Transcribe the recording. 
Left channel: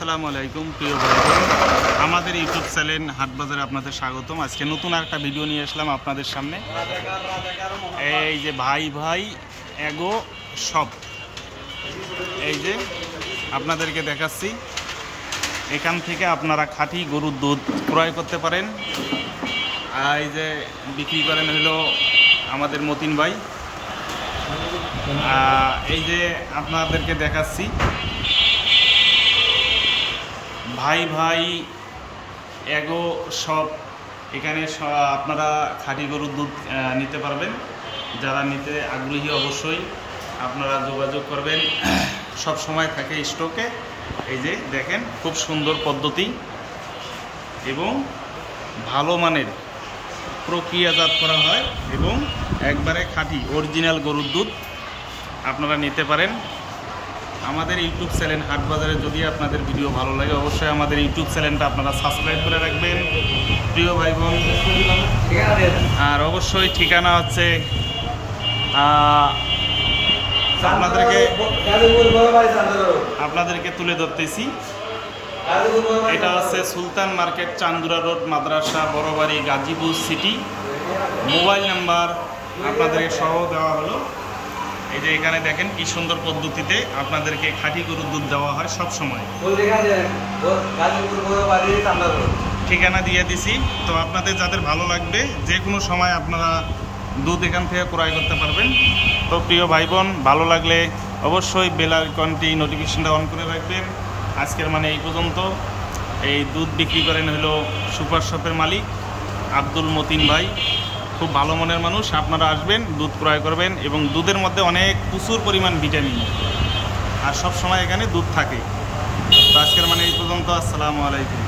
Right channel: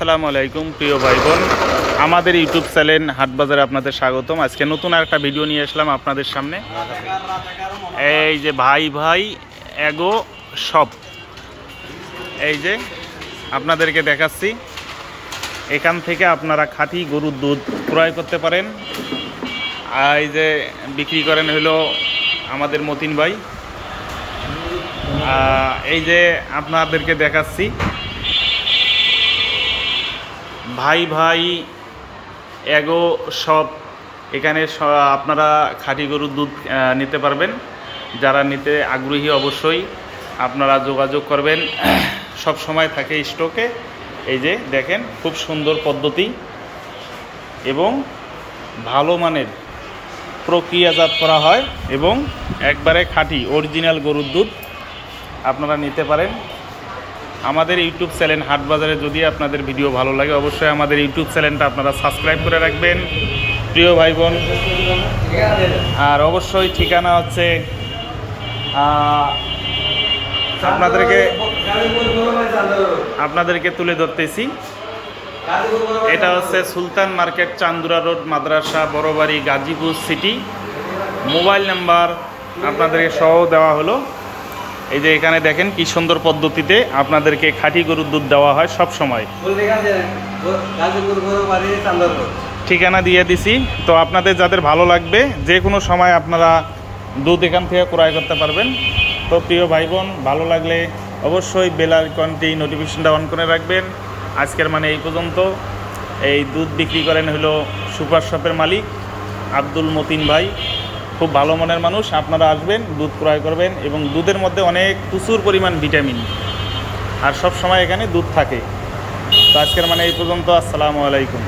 আসসালামু আলাইকুম প্রিয় ভাই বোন, আমাদের ইউটিউব চ্যানেল হাটবাজারে আপনাদের স্বাগতম। আজকে নতুন একটা ভিডিও নিয়ে আসলাম আপনাদের সামনে। এই যে ভাই ভাই এগো শপ, এই যে আপনাদেরকে দেখাচ্ছি। এখান থেকে আপনারা খাঁটি গরুর দুধ ক্রয় করতে পারেন। এই যে বিক্রি করেন হলো আমাদের মতিন ভাই। এই যে আপনাদেরকে দেখাচ্ছি ভাই ভাই এগো শপ। এখানে আপনারা খাঁটি গরুর দুধ নিতে পারবেন। যারা নিতে আগ্রহী অবশ্যই আপনারা যোগাযোগ করবেন। সব সময় থাকে স্টকে। এই যে দেখেন খুব সুন্দর পদ্ধতি এবং ভালো মানের প্রক্রিয়াজাত করা হয় এবং একবারে খাঁটি অরিজিনাল গরুর দুধ আপনারা নিতে পারেন। আমাদের ইউটিউব চ্যানেল হাটবাজারে যদি আপনাদের ভিডিও ভালো লাগে অবশ্যই আমাদের ইউটিউব চ্যানেলটা আপনারা সাবস্ক্রাইব করে রাখবেন প্রিয় ভাই বোন। আর অবশ্যই ঠিকানা হচ্ছে আপনাদেরকে তুলে ধরতেছি। এটা হচ্ছে সুলতান মার্কেট, চান্দুরা রোড, মাদ্রাসা, বড়বাড়ি, গাজীপুর সিটি। মোবাইল নাম্বার আপনাদেরকে সহ দেওয়া হলো। এই যে এখানে দেখেন কি সুন্দর পদ্ধতিতে আপনাদেরকে খাঁটি গরুর দুধ দেওয়া হয় সব সময়। ঠিকানা দিয়ে দিছি, তো আপনাদের যাদের ভালো লাগবে যে কোনো সময় আপনারা দুধ এখান থেকে ক্রয় করতে পারবেন। তো প্রিয় ভাই বোন, ভালো লাগলে অবশ্যই বেল আইকনটি নোটিফিকেশনটা অন করে রাখবেন। আজকের মানে এই পর্যন্ত। এই দুধ বিক্রি করেন হলো সুপার শপের মালিক আব্দুল মতিন ভাই। খুব ভালো মনের মানুষ। আপনারা আসবেন, দুধ ক্রয় করবেন এবং দুধের মধ্যে অনেক প্রচুর পরিমাণ ভিটামিন আর সব সময় এখানে দুধ থাকে। তো আজকের মানে এই পর্যন্ত। আসসালামু আলাইকুম।